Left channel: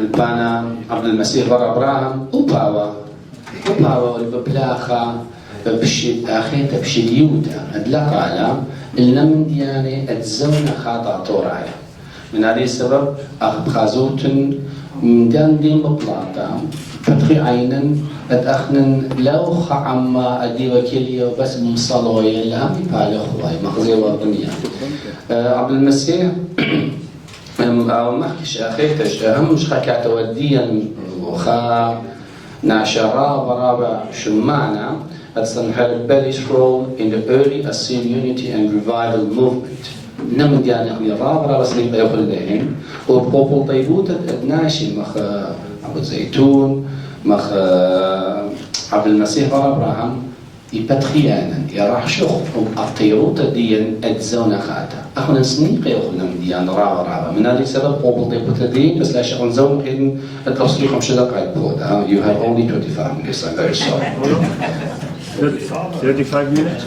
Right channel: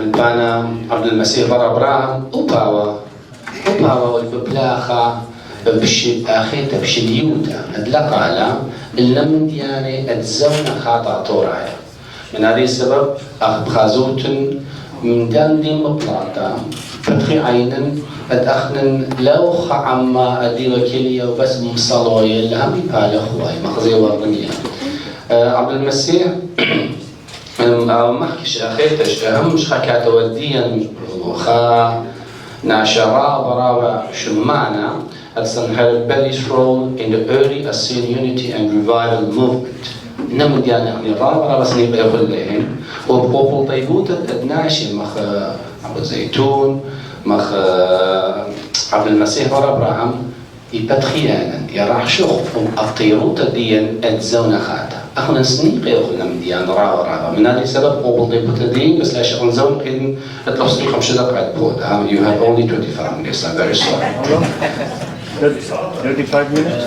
والبانا AbdulMesih BarAbraham وباوا والببلاخة بشي آخيتا بشي ديوتا أدلقالا اللم دياني أتزونا خاطع طورايا من هذه السبب بخازوتن من دان دي مبلاطا فتخي عينن أتأخنن لو خعما أدي وكيليا وبس مصالوية لهم يبالخواي مخزي وطنيا AbdulMesih محكش أخيتش مش خاكات وديا وخا ناشرا برابا شمعنا at Sanharib Balli's role in the early Assyrian unity and revival movement. نمد يعني رابا بس نبقى يقول لهم وبقوا طيبوت الناشي مخ أبو زيتون مخ AbdulMesih BarAbraham يبتخيانا يراح شخ أطيروت ديان أتزونا خاتا أخونا سنيقي أخونا من ديان رابا من هذا السبب قبل طيبوت الدين بس لا شغل زون إن أتلوصي 5 دقائق بود you have only 25 minutes. I'm very sorry. 35 minutes?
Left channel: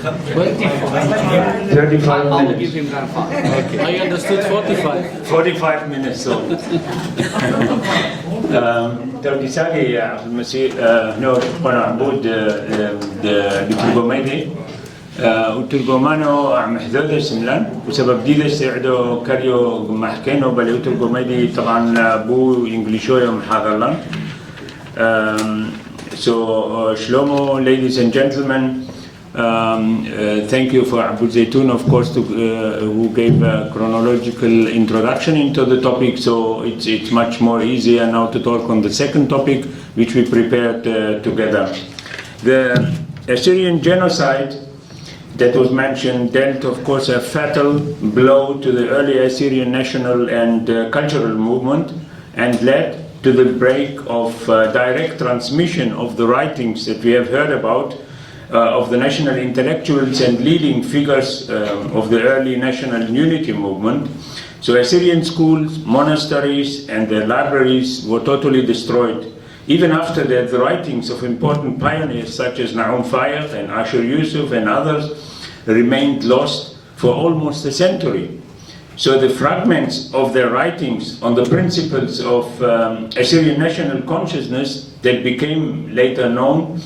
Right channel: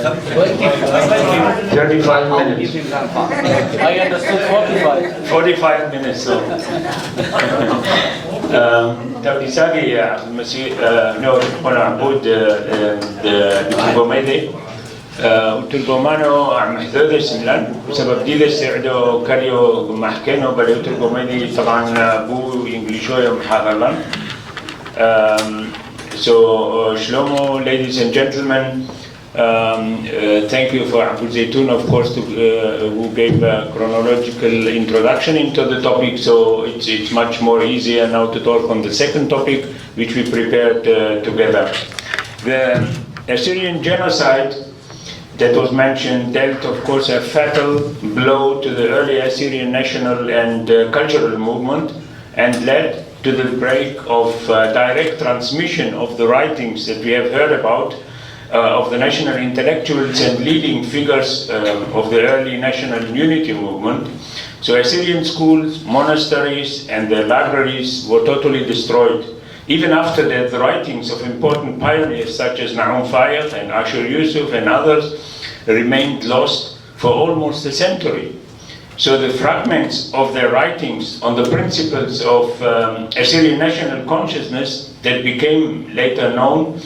35 minutes. I understood 45. 45 minutes. So. تركيزاكي AbdulMesih نور أنا عبود بترجماني وترجمانه عم حذاده سملان وسبب دي سعده كاريو محكينه بل ترجماني طبعا بو إنجليشوي ومحاضرلان. So Shlomo, ladies and gentlemen, thank you for Abu Zaytun, of course, who gave a chronological introduction into the topic. So it's much more easier now to talk on the second topic, which we prepared together. The Assyrian genocide that was mentioned dealt, of course, a fatal blow to the early Assyrian national and cultural movement and led to the break of direct transmission of the writings that we have heard about of the national intellectuals and leading figures of the early national unity movement. So Assyrian schools, monasteries and their libraries were totally destroyed. Even after that, the writings of important pioneers such as Nahum Fayed and Ashur Yusuf and others remained lost for almost a century. So the fragments of their writings on the principles of Assyrian national consciousness that became later known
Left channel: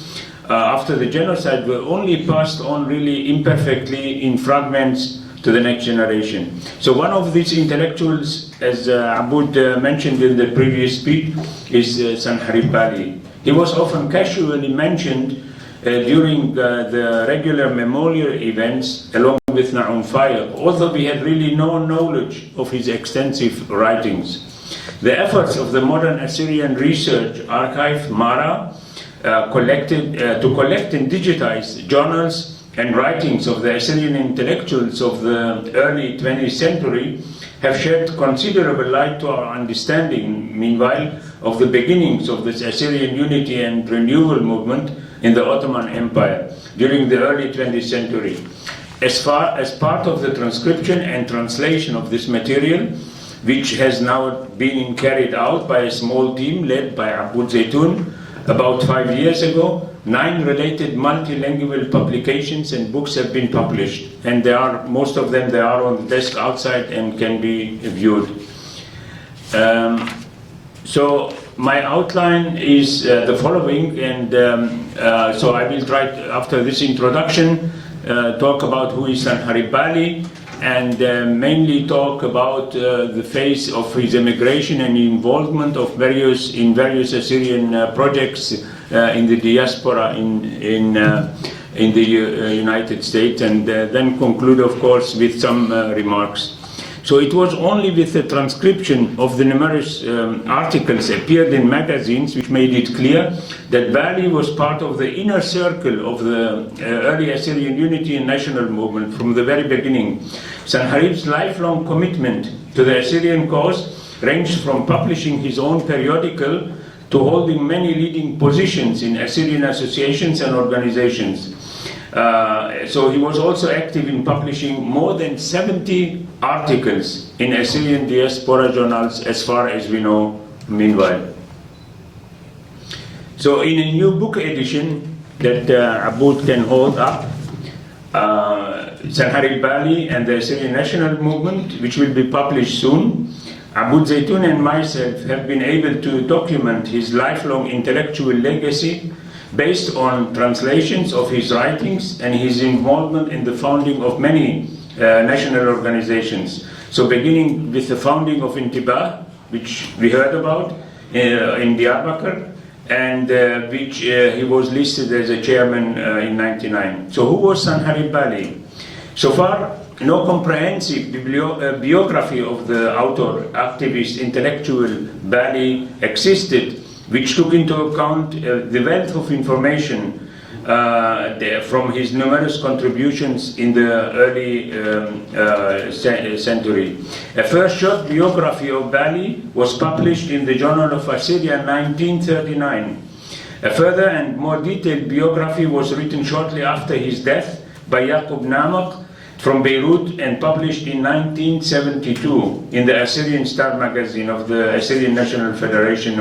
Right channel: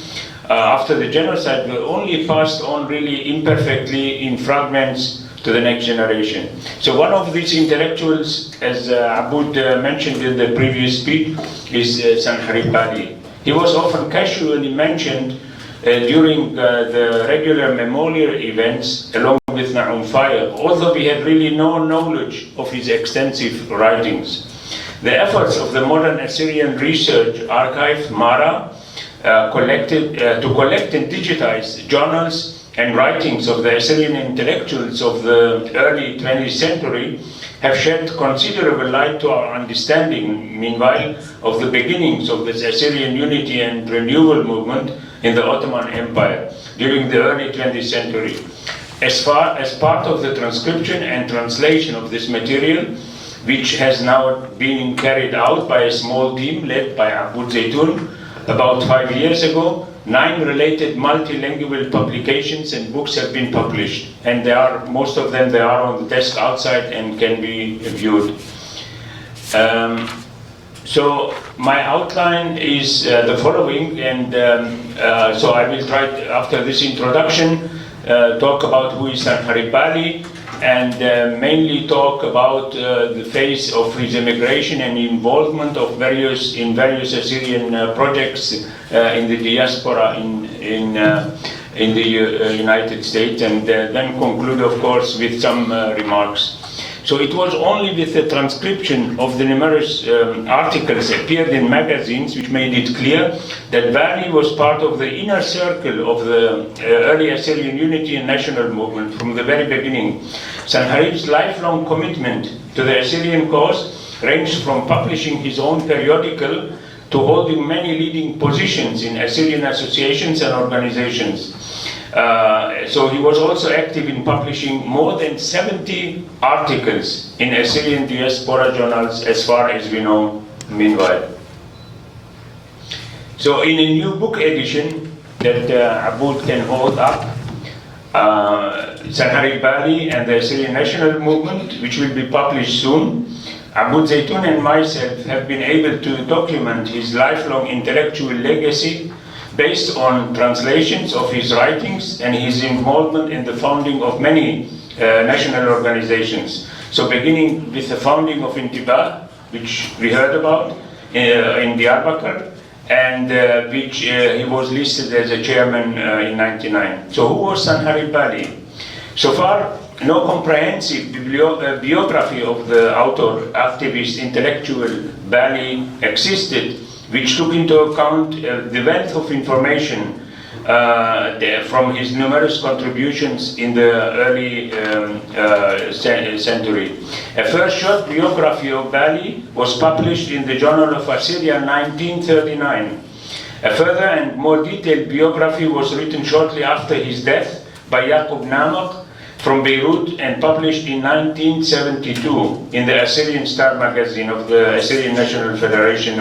after the genocide were only passed on really imperfectly in fragments to the next generation. So one of these intellectuals, as Abud mentioned in the previous speech, is Sanharib Balli. He was often casually mentioned during the regular memorial events along with Nahum Fayed, although we had really no knowledge of his extensive writings. The efforts of the modern Assyrian Research Archive, MARA, to collect and digitize journals and writings of the Assyrian intellectuals of the early 20th century have shed considerable light to our understanding, meanwhile, of the beginnings of this Assyrian unity and renewal movement in the Ottoman Empire during the early 20th century. As part of the transcription and translation of this material, which has now been carried out by a small team led by Abu Zaytun about 5 years ago, 9 related multilingual publications and books have been published, and most of them are on the desk outside and can be viewed. So my outline is the following, and so I will try to, after this introduction, talk about who is Sanharib Balli, and mainly talk about the phase of his emigration and involvement of various Assyrian projects in the diaspora in the United States, and then conclude, of course, with some remarks. So it was only with the transcription of the numerous articles appeared in magazines which made it clear that Balli was part of the inner circle of the early Assyrian unity and national movement from the very beginning. Sanharib's lifelong commitment to the Assyrian cause ranged from publishing his own periodical to holding many leading positions in Assyrian associations and organizations. So he was also active in publishing more than 70 articles in Assyrian diaspora journals as far as we know meanwhile. So in a new book edition that Abud can hold up, Sanharib Balli and the Assyrian National Movement, which will be published soon, Abu Zaytun and myself have been able to document his lifelong intellectual legacy based on translations of his writings and his involvement in the founding of many national organizations. So beginning with the founding of Intibah, which we heard about in Diyarbakir, and which he was listed as a chairman in '99. So who was Sanharib Balli? So far, no comprehensive biography of the author, activist, intellectual Balli existed, which took into account the wealth of information from his numerous contributions in the early century. A first short biography of Balli was published in the Journal of Assyria in 1939. A further and more detailed biography was written shortly after his death by Yaqub Namak from Beirut and published in 1972 in the Assyrian Star magazine of the Assyrian National Federation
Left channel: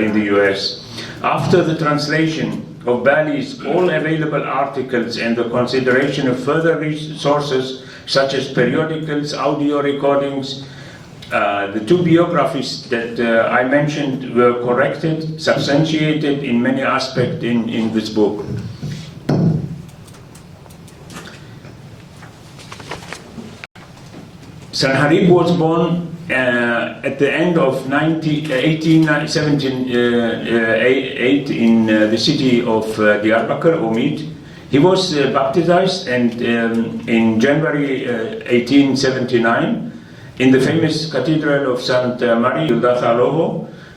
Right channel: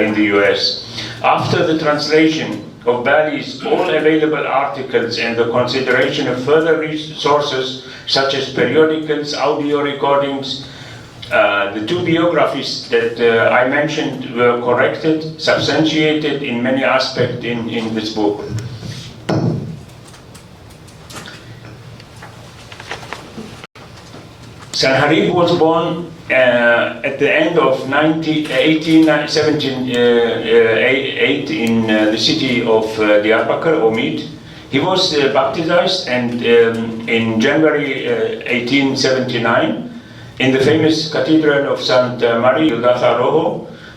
in the US. After the translation of Balli's all available articles and the consideration of further resources such as periodicals, audio recordings, the two biographies that I mentioned were corrected, substantiated in many aspects in this book. Sanharib was born at the end of 1878 in the city of Diyarbakir, Omid. He was baptized and in January 1879 in the famous Cathedral of St. Mary, Yudatha,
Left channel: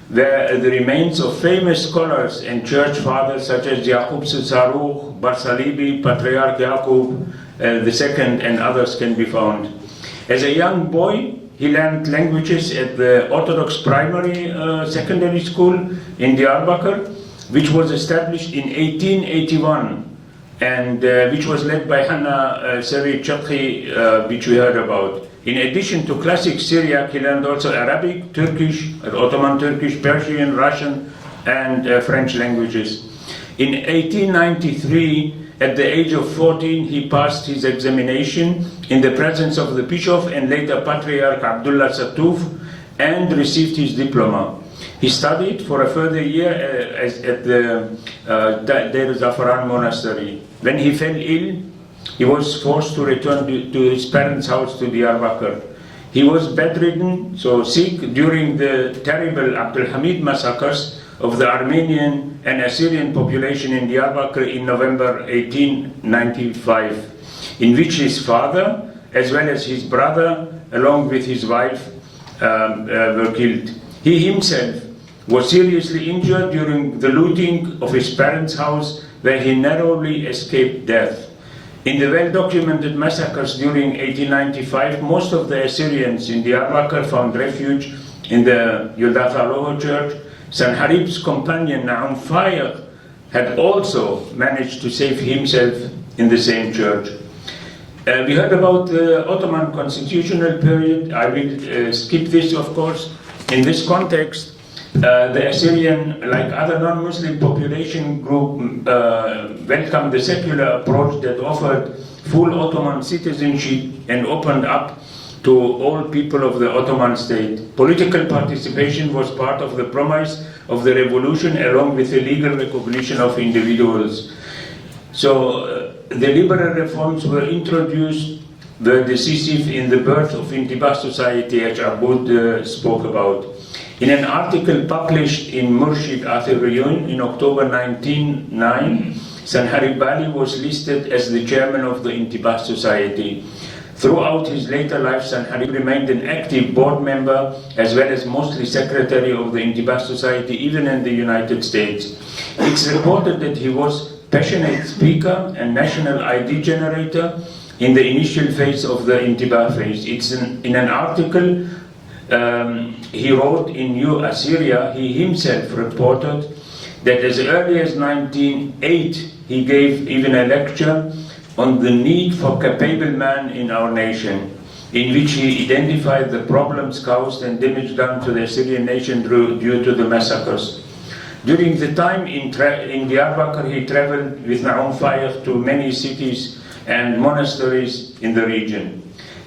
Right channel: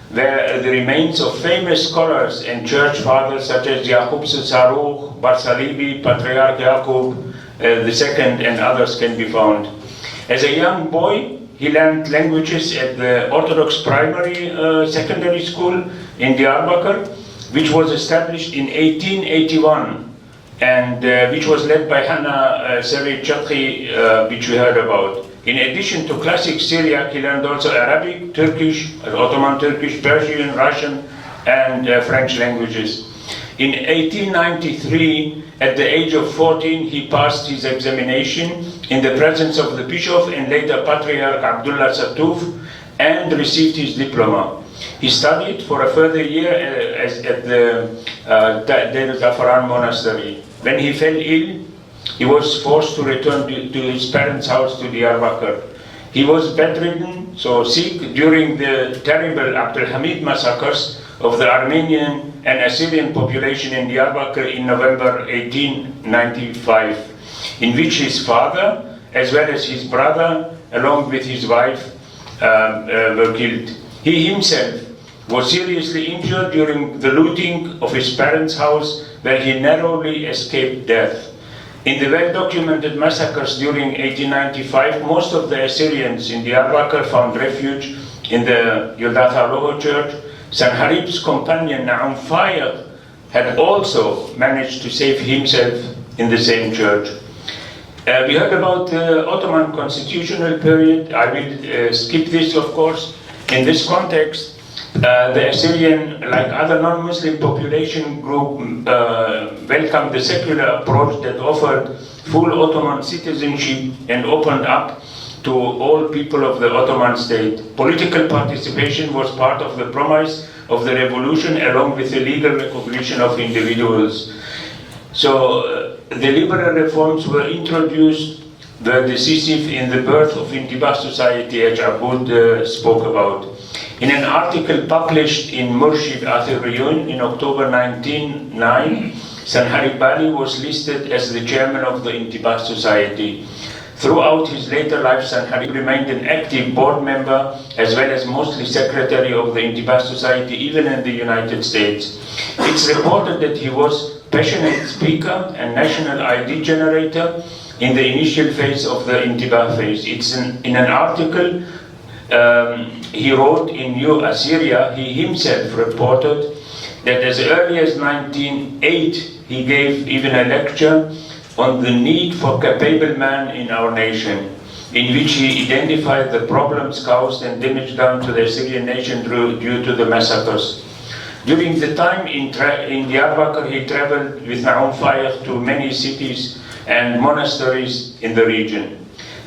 where the remains of famous scholars and church fathers such as Yaqub Saruch, Barsalibi, Patriarch Yaqub II, and others can be found. As a young boy, he learned languages at the Orthodox Primary Secondary School in Diyarbakir, which was established in 1881 and which was led by Hanna Seri Chakhi, which we heard about. In addition to classic Syriac, he learned also Arabic, Turkish, Ottoman Turkish, Persian, Russian, and French languages. In 1893, at the age of 14, he passed his examination in the presence of the Bishop and later Patriarch Abdullah Satuf and received his diploma. He studied for a further year at the Deir Zafaran monastery. When he fell ill, he was forced to return to his parents' house to Diyarbakir. He was bedridden, so sick, during the terrible Abdul Hamid massacres of the Armenian and Assyrian population in Diyarbakir in November 1895, in which his father, as well as his brother, along with his wife, were killed. He himself was seriously injured during the looting of his parents' house, where he narrowly escaped death. In the well-documented massacres during 1895, most of the Assyrians in Diyarbakir found refuge in the Yudatha Loho church. Sanharib's companion Na'um Fayaq had also managed to save himself in the same church. We heard about the Ottoman constitutional period. I will skip this, of course. In this context, the Assyrian, like other non-Muslim population group, welcomed the secular approach that offered full Ottoman citizenship and opened up to all people of the Ottoman state. Political participation was part of the promise of the revolution, along with the legal recognition of individuals. So the liberal reforms were introduced, were decisive in the birth of Intibah society, as Abud spoke about. In an article published in Murshid Athir-Riyun in October 1909, Sanharib Balli was listed as the chairman of the Intibah society. Throughout his later life, Sanharib remained an active board member as well as mostly secretary of the Intibah Society, even in the United States. It's reported that he was a passionate speaker and national ID generator in the initial phase of the Intibah phase. In an article he wrote in New Assyria, he himself reported that as early as 1908, he gave even a lecture on the need for capable man in our nation, in which he identified the problems caused and damage done to the Assyrian nation due to the massacres. During the time in Diyarbakir, he traveled with Na'um Fayaq to many cities and monasteries in the region.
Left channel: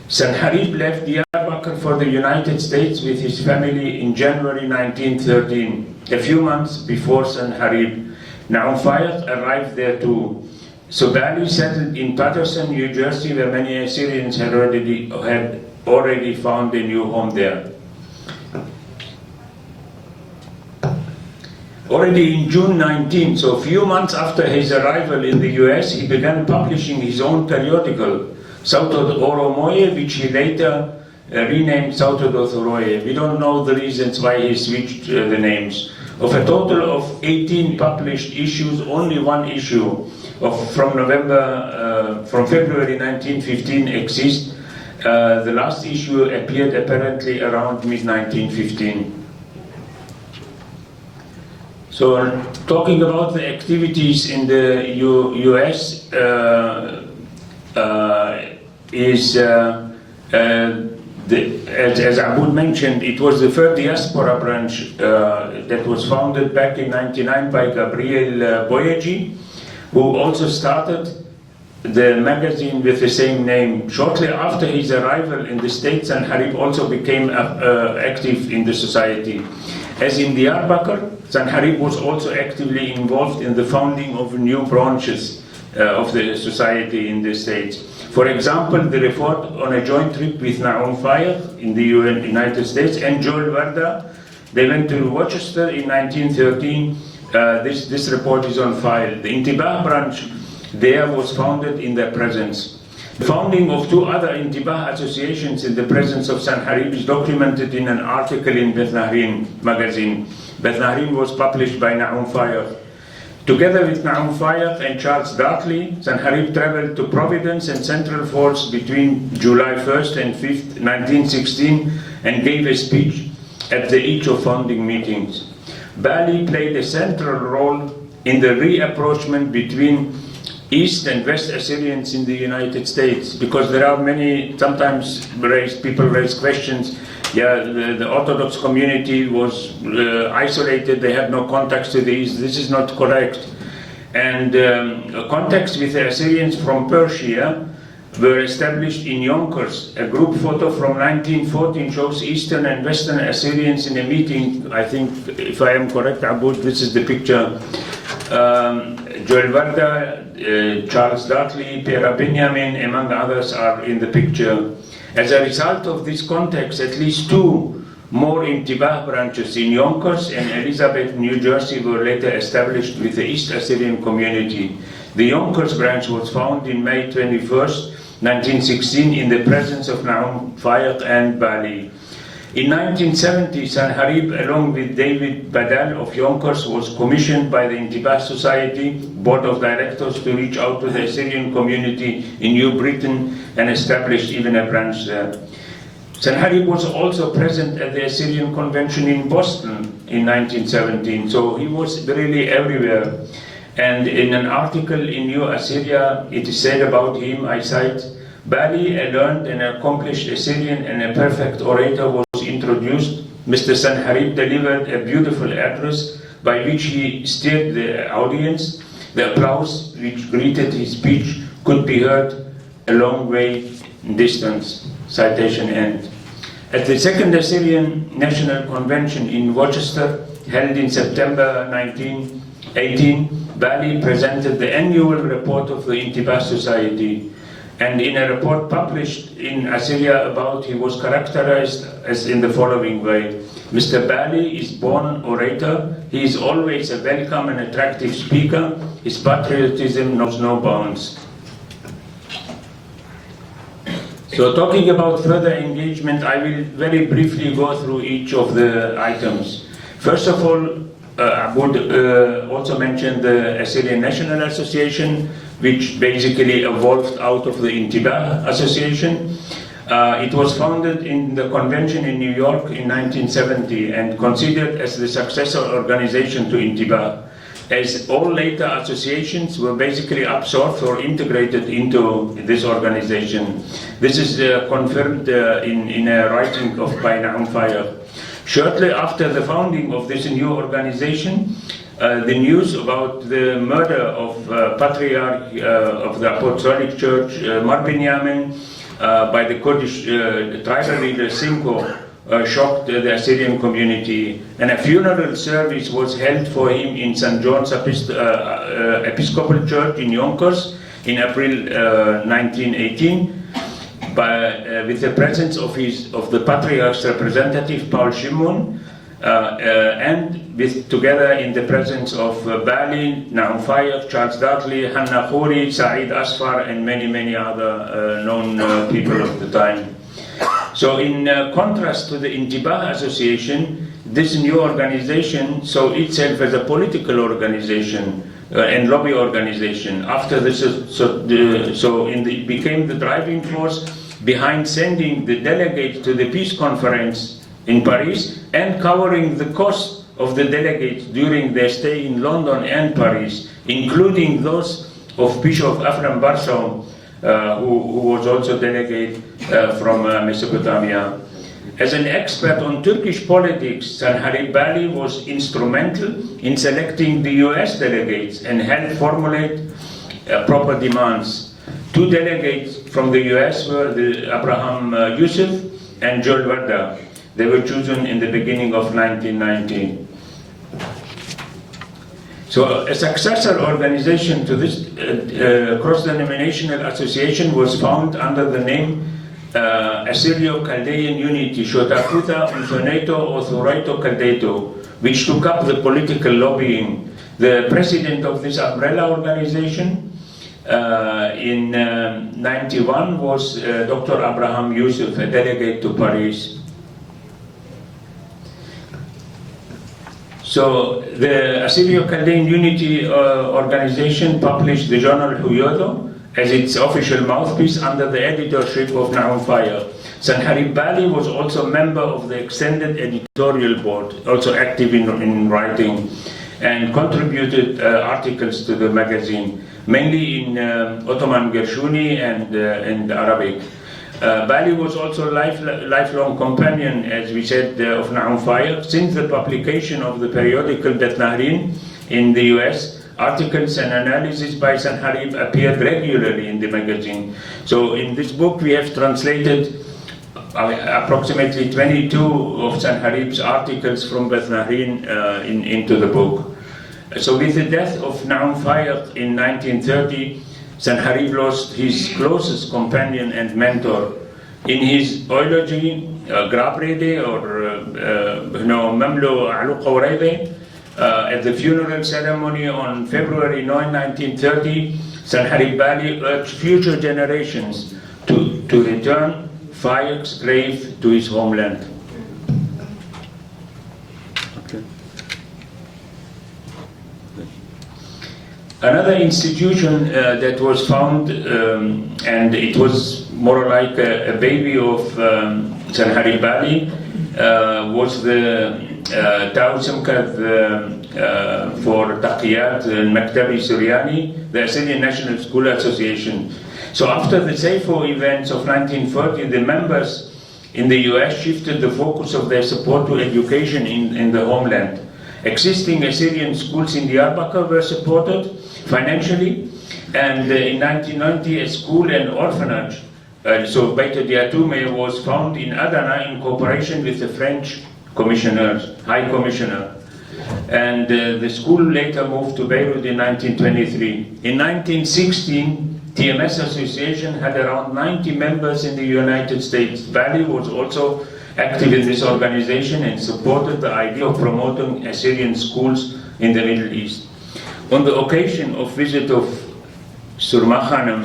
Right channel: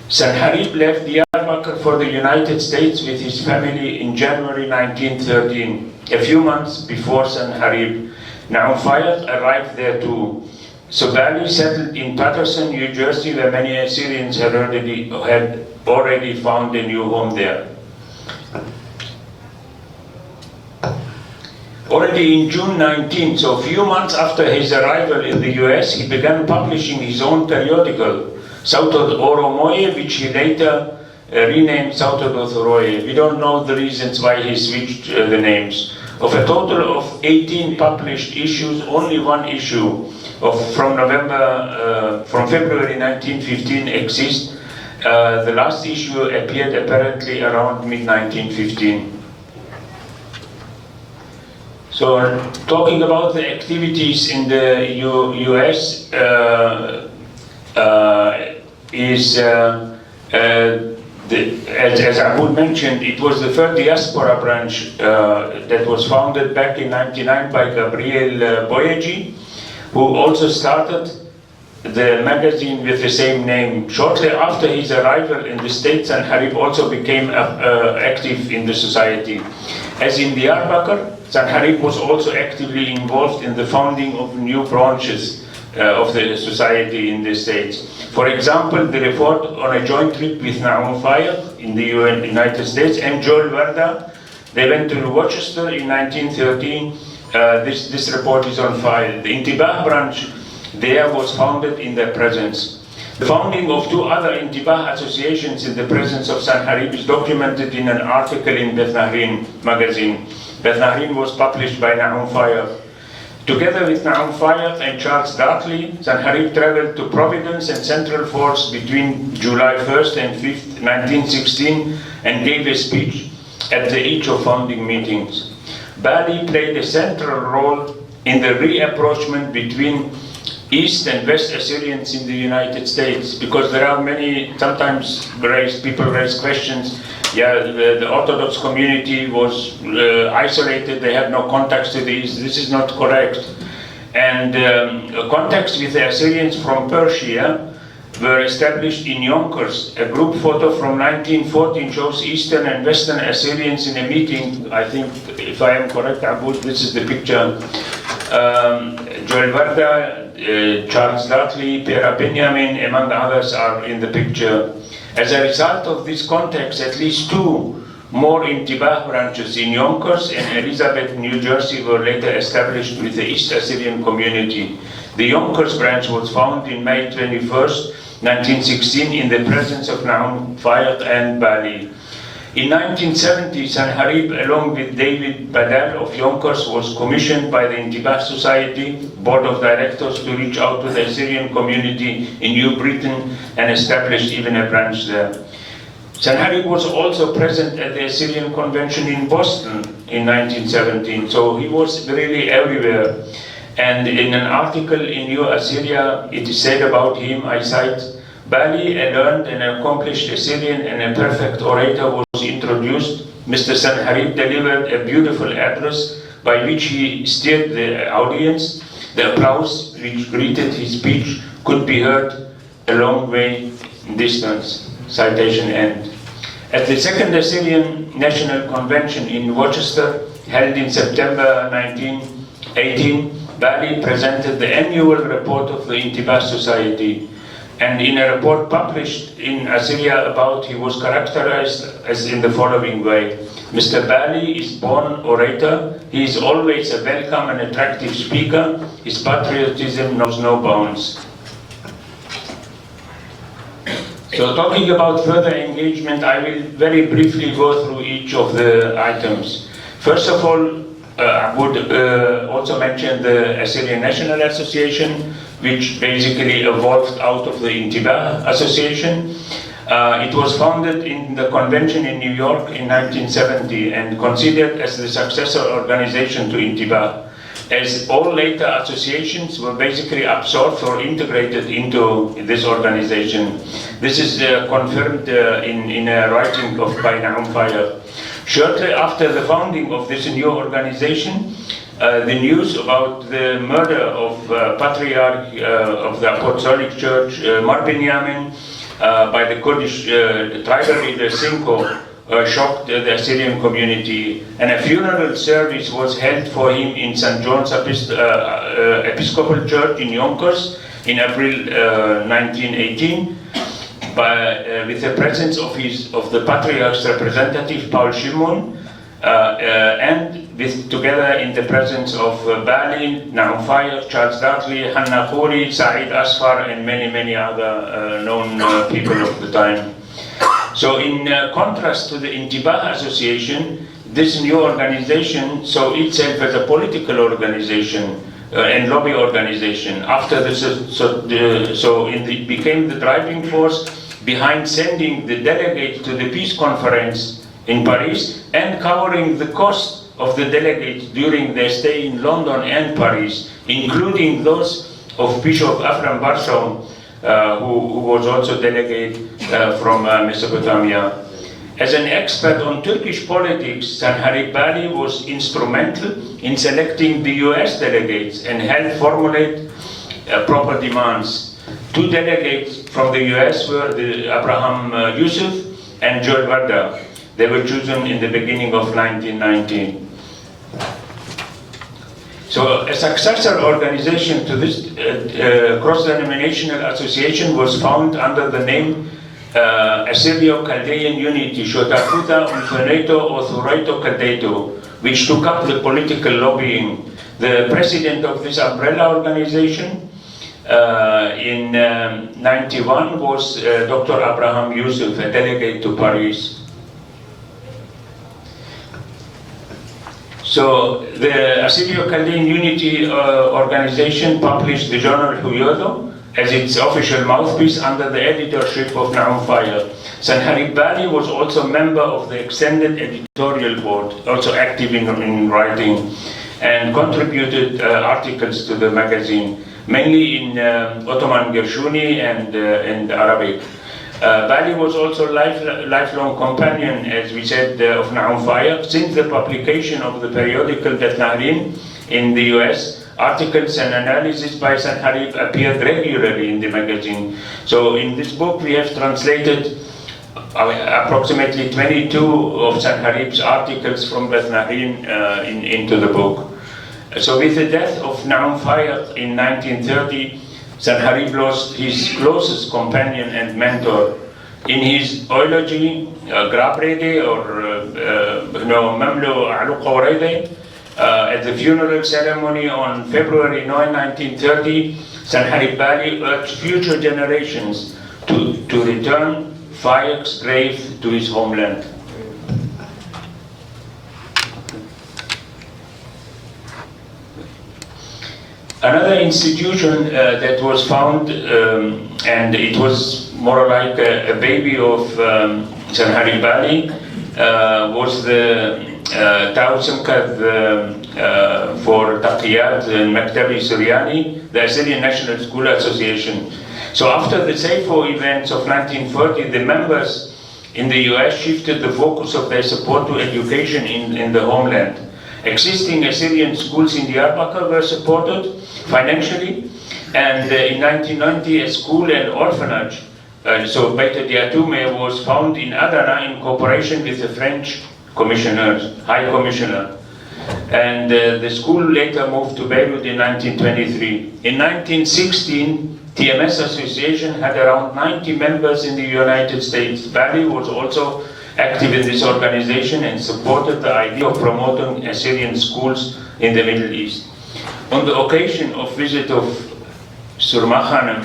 Sanharib left Diyarbakir for the United States with his family in January 1913. A few months before Sanharib, Na'um Fayed arrived there too. So Balli settled in Patterson, New Jersey, where many Assyrians had already found a new home there. Already in June 19, so a few months after his arrival in the US, he began publishing his own periodical, Sautod Oromoye, which he later renamed Sautod Othoroye. We don't know the reasons why he switched the names. Of a total of 18 published issues, only one issue from February 1915 exists. The last issue appeared apparently around mid-1915. So, talking about the activities in the US as Abud mentioned, it was the third diaspora branch that was founded back in '99 by Gabriel Boyeji, who also started the magazine with the same name. Shortly after his arrival in the States, Sanharib also became active in the society. As in Diyarbakir, Sanharib was also actively involved in the founding of new branches of the society in the States. For example, the report on a joint trip with Na'um Fayed in the United States and Joel Warda, they went to Rochester in 1913. This report is on file. The Intibah branch there was founded in their presence. The founding of two other Intibah associations in the presence of Sanharib is documented in an article in Beth Nahrin magazine. Beth Nahrin was published by Na'um Fayed. Together with Na'um Fayed and Charles Dartley, Sanharib traveled to Providence and Central Falls between July 1st and 5th, 1916, and gave a speech at each of founding meetings. Balli played a central role in the reapproachment between East and West Assyrians in the United States, because there are many, sometimes people raise questions. Yeah, the Orthodox community was isolated, they had no contacts to the East. This is not correct. And contacts with the Assyrians from Persia were established in Yonkers. A group photo from 1914 shows Eastern and Western Assyrians in a meeting. I think, if I am correct, Abud, this is the picture. Joel Warda, Charles Dartley, Pera Benjamin, among others, are in the picture. As a result of this context, at least two more Intibah branches in Yonkers and Elizabeth, New Jersey, were later established with the East Assyrian community. The Yonkers branch was founded in May 21st, 1916, in the presence of Na'um Fayed and Balli. In 1970, Sanharib, along with David Badal of Yonkers, was commissioned by the Intibah Society Board of Directors to reach out to the Assyrian community in New Britain and established even a branch there. Sanharib was also present at the Assyrian Convention in Boston in 1917, so he was really everywhere. And in an article in New Assyria, it is said about him, I cite, Balli, a learned and accomplished Assyrian and a perfect orator, was introduced. Mr. Sanharib delivered a beautiful address by which he steered the audience. The applause which greeted his speech could be heard a long way in distance. Citation end. At the Second Assyrian National Convention in Rochester, held in September 1918, Balli presented the annual report of the Intibah Society. And in a report published in Assyria about he was characterized as in the following way. Mr. Balli is born orator. He is always a welcome and attractive speaker. His patriotism knows no bounds. So talking about further engagement, I will very briefly go through each of the items. First of all, I would also mention the Assyrian National Association, which basically evolved out of the Intibah Association. It was founded in the convention in New York in 1970 and considered as the successor organization to Intibah, as all later associations were basically absorbed or integrated into this organization. This is confirmed in a writing by Na'um Fayed. Shortly after the founding of this new organization, the news about the murder of Patriarch of the Apostolic Church, Mar Binyamin, by the Kurdish tribal leader Simko shocked the Assyrian community, and a funeral service was held for him in St. John's Episcopal Church in Yonkers in April 1918, with the presence of the Patriarch's representative Paul Shimon, and together in the presence of Balli, Naum Fayyad, Charles Dudley, Hanna Khouri, Saeed Asfar, and many other known people of the time. So in contrast to the Intibah Association, this new organization saw itself as a political organization and lobby organization. After this, it became the driving force behind sending the delegates to the peace conference in Paris and covering the cost of the delegates during their stay in London and Paris, including those of Bishop Ephraim Barsaum, who was also delegate from Mesopotamia. As an expert on Turkish politics, Sanharib Balli was instrumental in selecting the US delegates and helped formulate proper demands. Two delegates from the US were Abraham Yusuf and Joel Warda. They were chosen in the beginning of 1990. So a successor organization to this cross-denominational association was found under the name Assyrio-Chaldean Unity, Shotafuta Unfoneto Othoreito Kaldeto, which took up the political lobbying. The president of this umbrella organization in 91 was Dr. Abraham Yusuf, a delegate to Paris. So the Assyrio-Chaldean Unity organization published the journal Huyodo as its official mouthpiece under the editorship of Naum Fayyad. Sanharib Balli was also a member of the extended editorial board, also active in writing, and contributed articles to the magazine, mainly in Ottoman Gershuni and Arabic. Balli was also a lifelong companion, as we said, of Naum Fayyad. Since the publication of the periodical Det Nahrin in the US, articles and analysis by Sanharib appeared regularly in the magazine. So in this book we have translated approximately 22 of Sanharib's articles from Det Nahrin into the book. So with the death of Naum Fayyad in 1930, Sanharib lost his closest companion and mentor. In his eulogy, Grabrede or Mamlo Aluqawrede, at the funeral ceremony on February 9, 1930, Sanharib Balli urged future generations to return Fayyad's grave to his homeland. Another institution that was found, and it was more like a baby of Sanharib Balli, was the Ta'awun Simkad for Taqiyat and Maktabi Suryani, the Assyrian National School Association. So after the Saifo events of 1940, the members in the US shifted the focus of their support to education in the homeland. Existing Assyrian schools in Diyarbakir were supported financially, and in 1990 a school and orphanage, so Beit Diatume, was found in Adana in cooperation with the French High Commissioner. And the school later moved to Beirut in 1923. In 1916, TMS Association had around 90 members in the United States. Balli was also active in this organization and supported the idea of promoting Assyrian schools in the Middle East. On the occasion of visit of Surma Khanum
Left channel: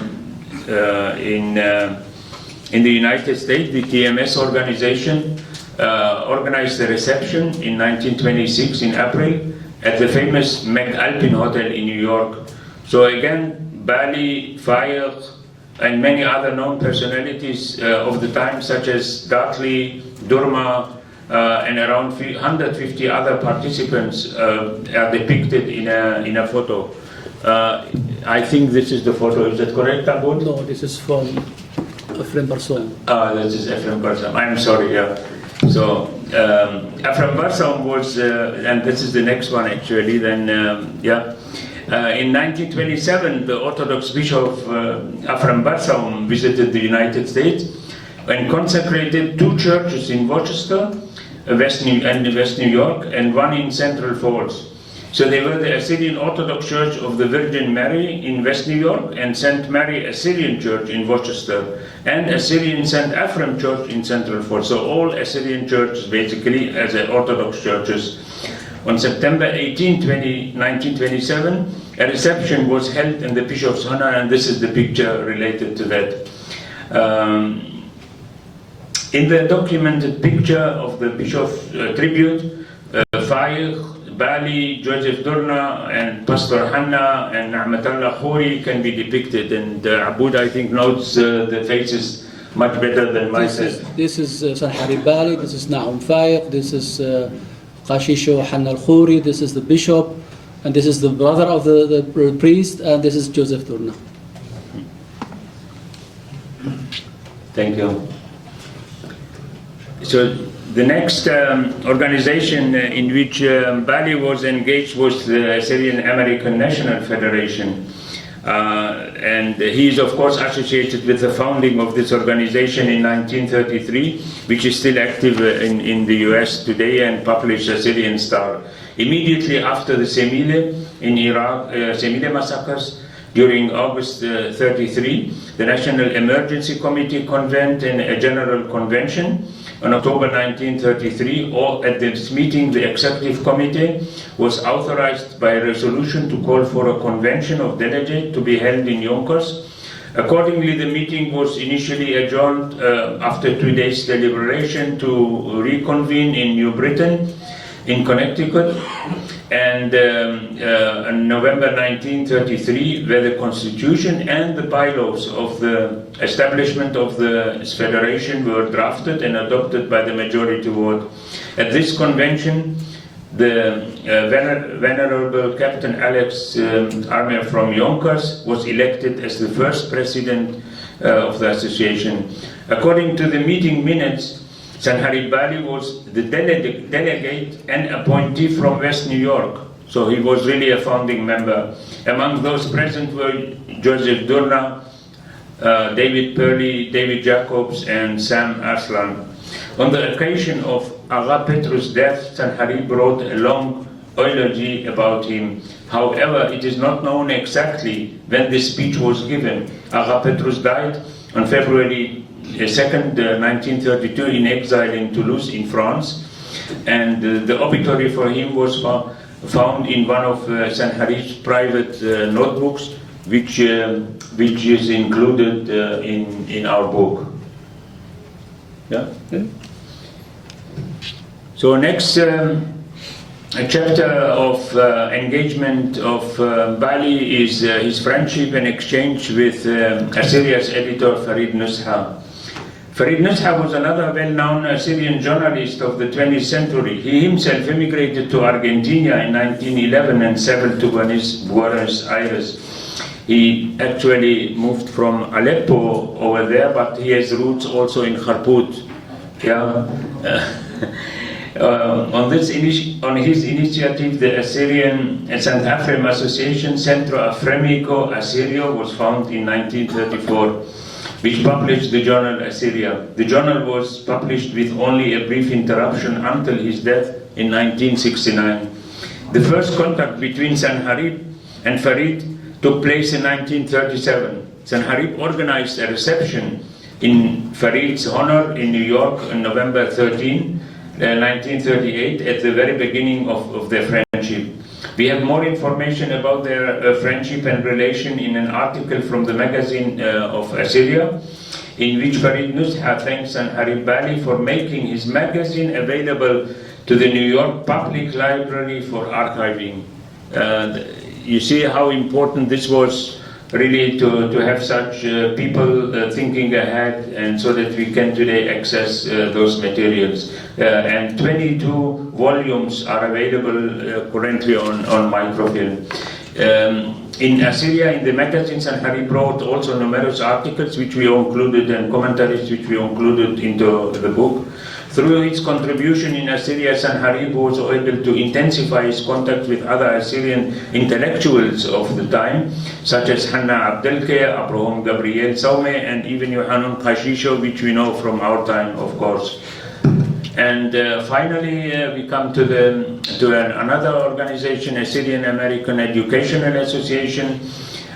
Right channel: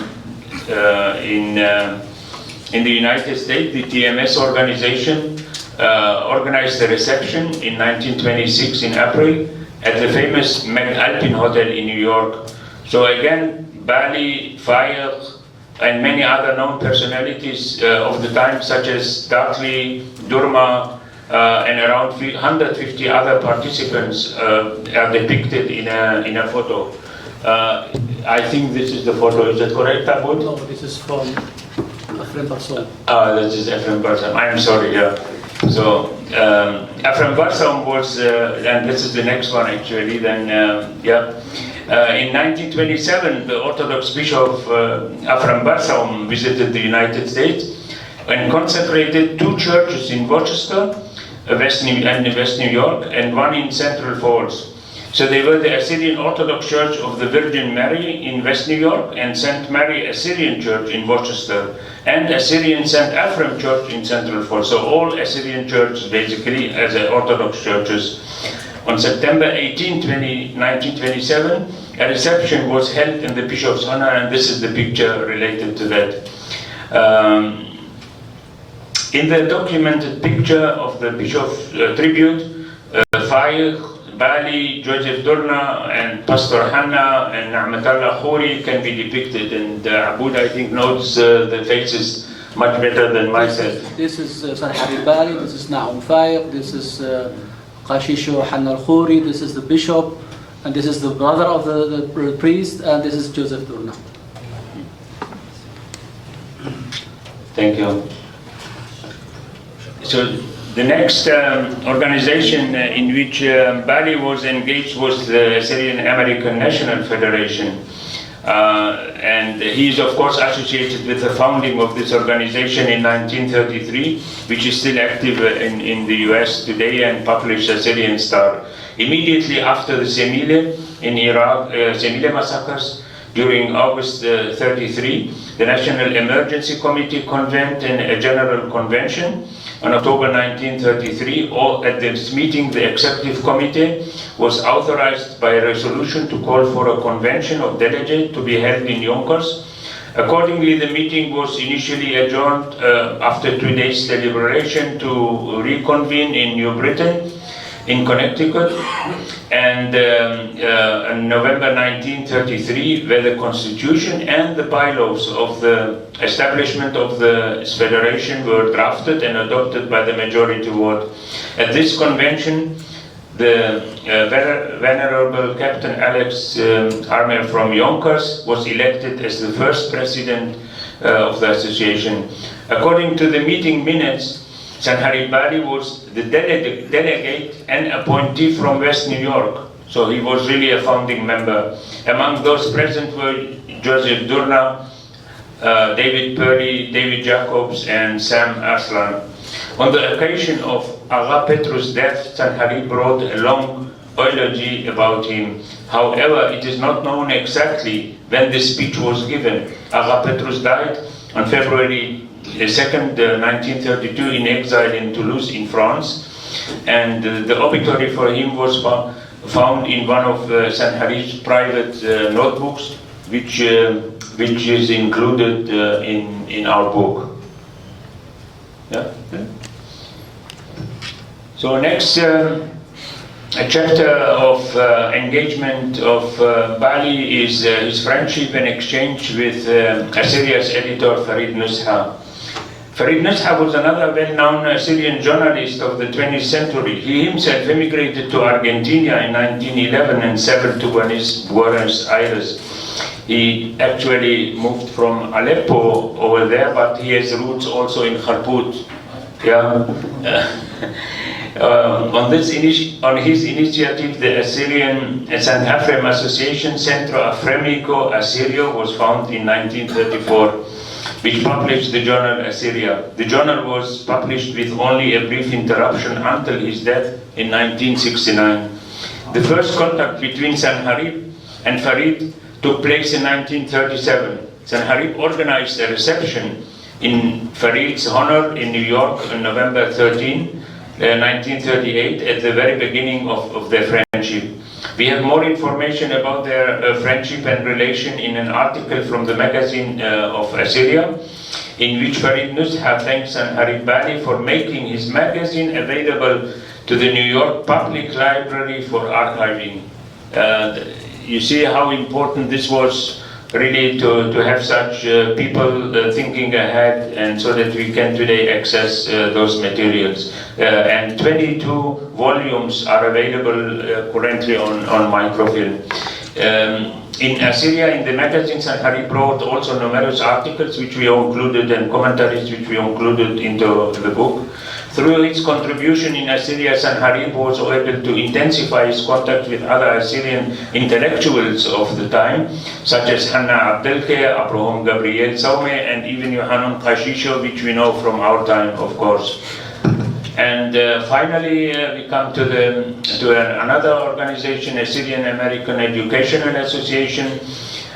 in the United States, the TMS organization organized a reception in 1926 in April at the famous McAlpin Hotel in New York. So again, Balli, Fayyad, and many other known personalities of the time, such as Dudley, Durma, and around 150 other participants are depicted in a photo. I think this is the photo. Is that correct, Tabut? No, this is from Ephraim Barsaum. That is Ephraim Barsaum. I'm sorry, yeah. So Ephraim Barsaum was, and this is the next one actually, then, yeah. In 1927, the Orthodox Bishop AbdulMesih visited the United States and consecrated 2 churches in Rochester, West New York, and 1 in Central Falls. So they were the Assyrian Orthodox Church of the Virgin Mary in West New York, and St. Mary Assyrian Church in Rochester, and Assyrian St. Ephraim Church in Central Falls. So all Assyrian churches basically as Orthodox churches. On September 18, 1927, a reception was held in the Bishop's honor, and this is the picture related to that. In the documented picture of the Bishop's tribute, Fayed, Balli, Joseph Durna, and Pastor Hanna, and Na'matallah Khoury can be depicted. And Aboud, I think, knows the faces much better than myself. This is Sanharib Balli, this is Na'um Fayed, this is Qashisho Hanna al-Khoury, this is the bishop, and this is the brother of the priest, and this is Joseph Durna. Thank you. So the next organization in which Balli was engaged was the Syrian American National Federation. And he is of course associated with the founding of this organization in 1933, which is still active in the US today and published a Syrian Star. Immediately after the Semile in Iraq, Semile massacres, during August 33, the National Emergency Committee convened in a General Convention. On October 1933, at this meeting, the Executive Committee was authorized by a resolution to call for a convention of delegates to be held in Yonkers. Accordingly, the meeting was initially adjourned after 2 days deliberation to reconvene in New Britain, in Connecticut, and on November 1933, where the Constitution and the bylaws of the establishment of the Federation were drafted and adopted by the majority vote. At this convention, the Venerable Captain Alex Armel from Yonkers was elected as the first president of the association. According to the meeting minutes, Sanharib Balli was the delegate and appointee from West New York, so he was really a founding member. Among those present were Joseph Durna, David Purley, David Jacobs, and Sam Arslan. On the occasion of Agha Petrus' death, Sanharib wrote a long eulogy about him. However, it is not known exactly when this speech was given. Agha Petrus died on February 2nd, 1932, in exile in Toulouse, in France, and the obituary for him was found in one of Sanharib's private notebooks, which is included in our book. Yeah. So next, a chapter of engagement of Balli is his friendship and exchange with Assyria's editor Farid Nusha. Farid Nusha was another well-known Assyrian journalist of the 20th century. He himself emigrated to Argentina in 1911 and settled to Buenos Aires. He actually moved from Aleppo over there, but he has roots also in Kharput. Yeah. On his initiative, the Assyrian St. Ephraim Association Centro Afremico Assyrio was founded in 1934, which published the journal Assyria. The journal was published with only a brief interruption until his death in 1969. The first contact between Sanharib and Farid took place in 1937. Sanharib organized a reception in Farid's honor in New York on November 13, 1938, at the very beginning of their friendship. We have more information about their friendship and relation in an article from the magazine of Assyria, in which Farid Nusha thanks Sanharib Balli for making his magazine available to the New York Public Library for archiving. You see how important this was, really, to have such people thinking ahead, and so that we can today access those materials. And 22 volumes are available currently on microfilm. In Assyria, in the magazine, Sanharib wrote also numerous articles which we included and commentaries which we included into the book. Through his contribution in Assyria, Sanharib was able to intensify his contact with other Assyrian intellectuals of the time, such as Hanna Abdelke, Abraham Gabriel Saume, and even Yohanan Kashisho, which we know from our time, of course. And finally, we come to another organization, Assyrian American Educational Association,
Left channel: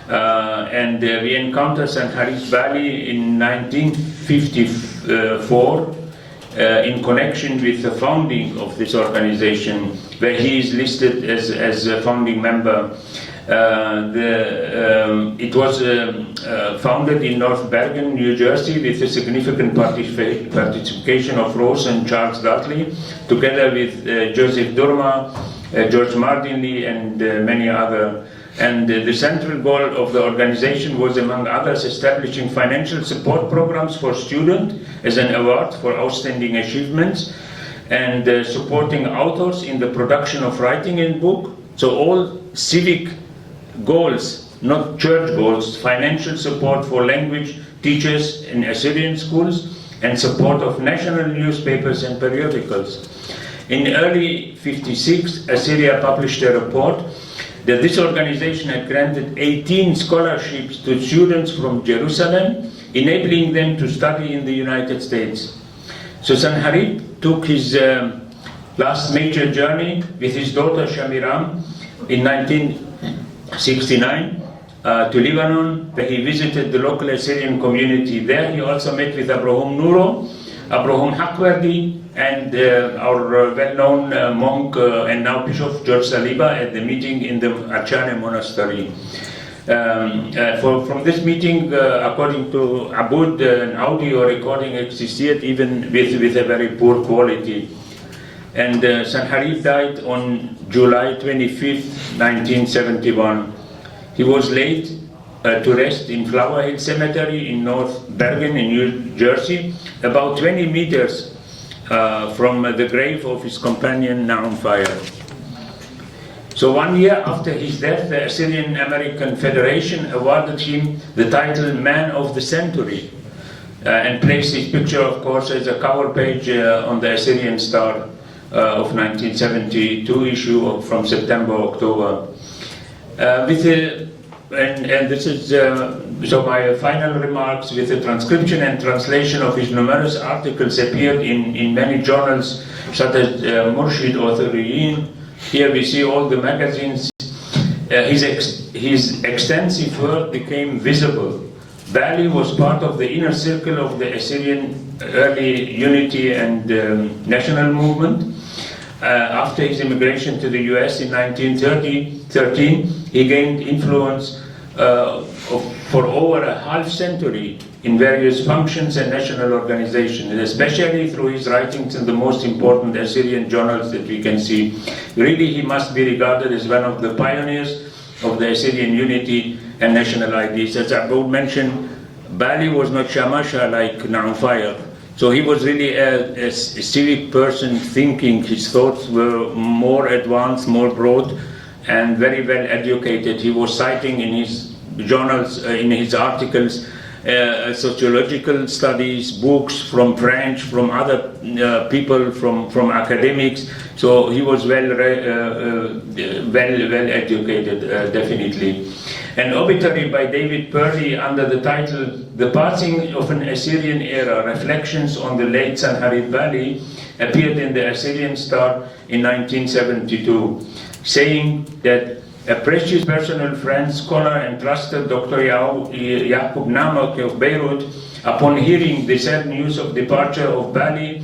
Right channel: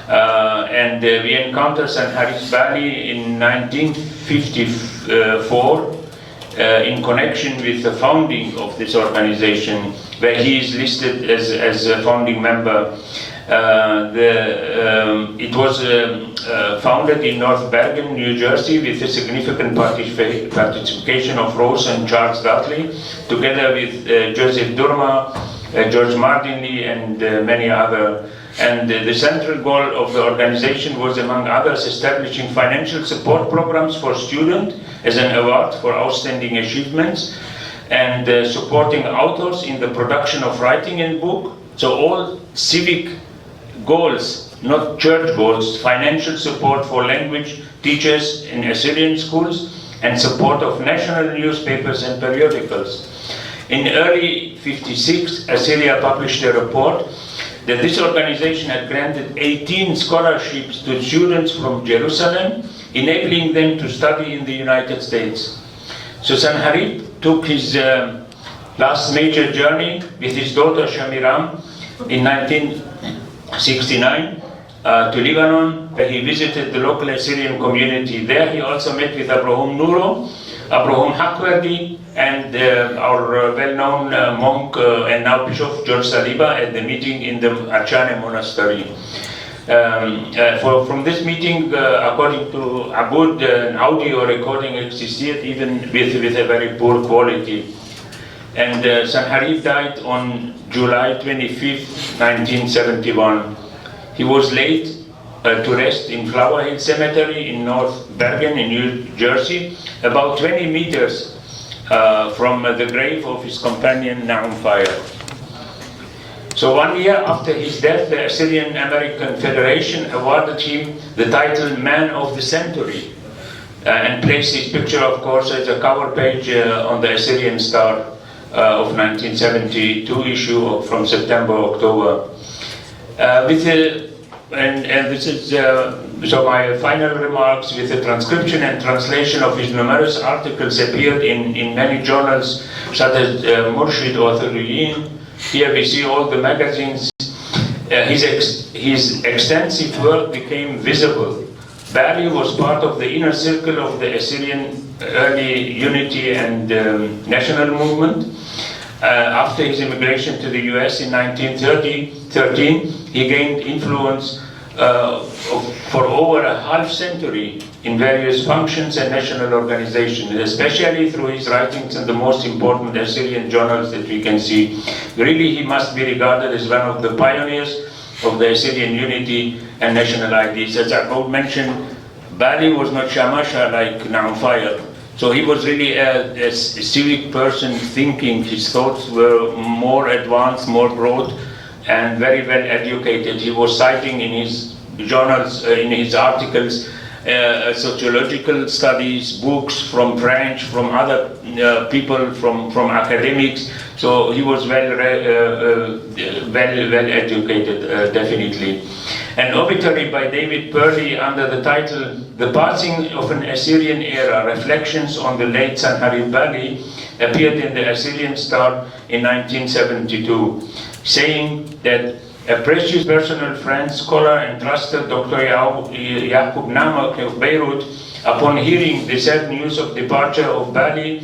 and we encountered Sanharib Balli in 1954 in connection with the founding of this organization, where he is listed as a founding member. It was founded in North Bergen, New Jersey, with a significant participation of Rose and Charles Dudley, together with Joseph Durma, George Mardinley, and many others. And the central goal of the organization was, among others, establishing financial support programs for students as an award for outstanding achievements, and supporting authors in the production of writing and book. So all civic goals, not church goals, financial support for language teachers in Assyrian schools, and support of national newspapers and periodicals. In early '56, Assyria published a report that this organization had granted 18 scholarships to students from Jerusalem, enabling them to study in the United States. So Sanharib took his last major journey with his daughter Shamiram in 1969 to Lebanon, where he visited the local Assyrian community. There he also met with Abraham Nuro, Abraham Hakwardi, and our well-known monk and now Bishop George Saliba at the meeting in the Achane monastery. From this meeting, according to Abud, an audio recording existed, even with a very poor quality. And Sanharib died on July 25th, 1971. He was laid to rest in Flower Hill Cemetery in North Bergen in New Jersey, about 20 meters from the grave of his companion Nahum Fire. So 1 year after his death, the Assyrian American Federation awarded him the title Man of the Century and placed his picture, of course, as a cover page on the Assyrian Star of 1972 issue from September-October. And this is so my final remarks, with the transcription and translation of his numerous articles appeared in many journals, such as Murshid Authoriyin. Here we see all the magazines. His extensive work became visible. Balli was part of the inner circle of the Assyrian early unity and national movement. After his immigration to the US in 1913, he gained influence for over a half century in various functions and national organizations, especially through his writings in the most important Assyrian journals that we can see. Really, he must be regarded as one of the pioneers of the Assyrian unity and national ideas. As Abud mentioned, Balli was not shamasha like Nahum Fire. So he was really a civic person thinking. His thoughts were more advanced, more broad, and very well educated. He was citing in his journals, in his articles, sociological studies, books from French, from other people, from academics. So he was well educated, definitely. An obituary by David Purley under the title "The Passing of an Assyrian Era, Reflections on the Late Sanharib Balli" appeared in the Assyrian Star in 1972, saying that a precious personal friend, scholar, and trusted Dr. Yaqub Namak of Beirut, upon hearing the sad news of departure of Balli,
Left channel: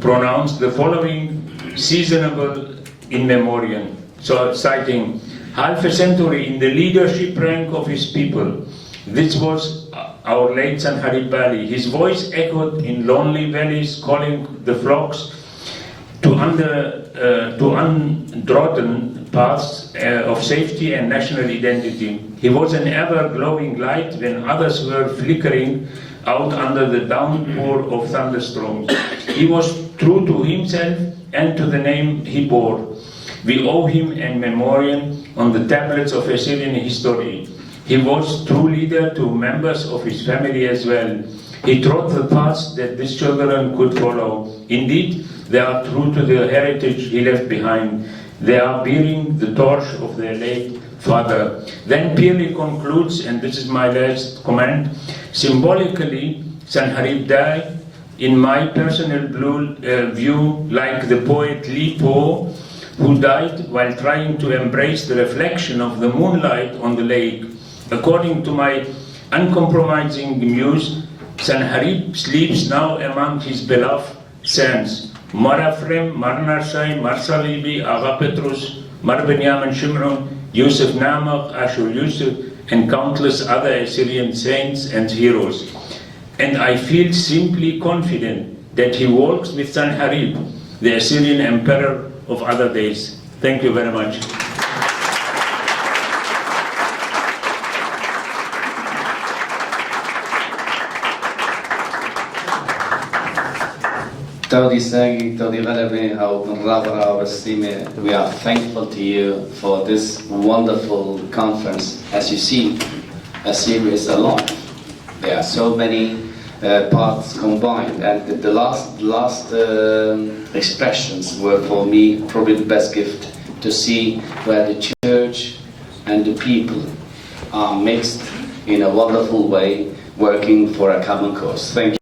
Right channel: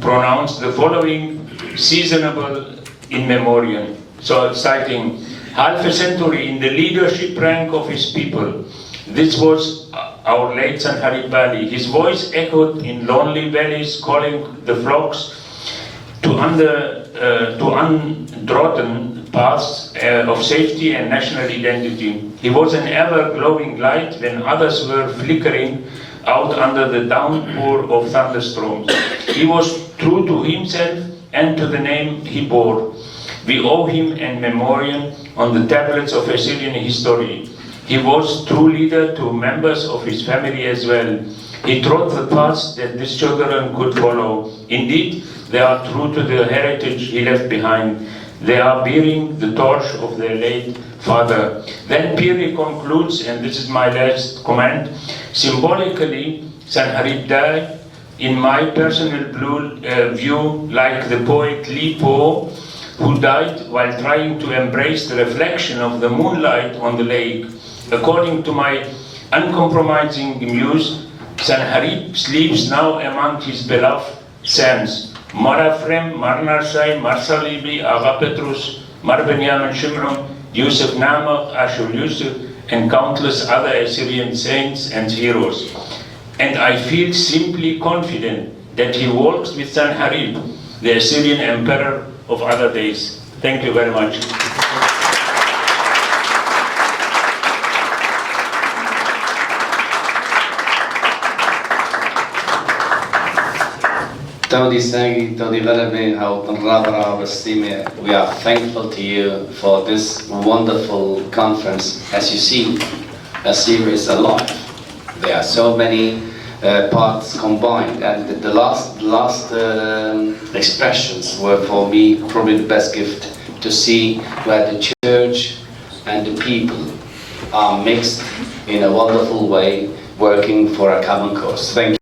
pronounced the following seasonable in memoriam. So, citing, "Half a century in the leadership rank of his people. This was our late Sanharib Balli. His voice echoed in lonely valleys, calling the flocks to untrodden paths of safety and national identity. He was an ever-glowing light when others were flickering out under the downpour of thunderstorms. He was true to himself and to the name he bore. We owe him a memorial on the tablets of Assyrian history. He was true leader to members of his family as well. He trod the paths that these children could follow. Indeed, they are true to the heritage he left behind. They are bearing the torch of their late father. Then Piri concludes, and this is my last comment, symbolically, Sanharib died, in my personal view, like the poet Li Po, who died while trying to embrace the reflection of the moonlight on the lake. According to my uncompromising muse, Sanharib sleeps now among his beloved sons, Marafrem, Marnarsai, Marsalibi, Agha Petrus, Mar Benyamin Shimron, Yusuf Namach, Ashur Yusuf, and countless other Assyrian saints and heroes. And I feel simply confident that he walks with Sanharib, the Assyrian emperor of other days. Thank you very much. Todi Sagi, Todi Galabe, how Rabara Wasime, we are thankful to you for this wonderful conference. As you see, Assyria is alive. There are so many parts combined, and the last expressions were for me probably the best gift, to see where the church and the people are mixed in a wonderful way, working for a common cause. Thank you.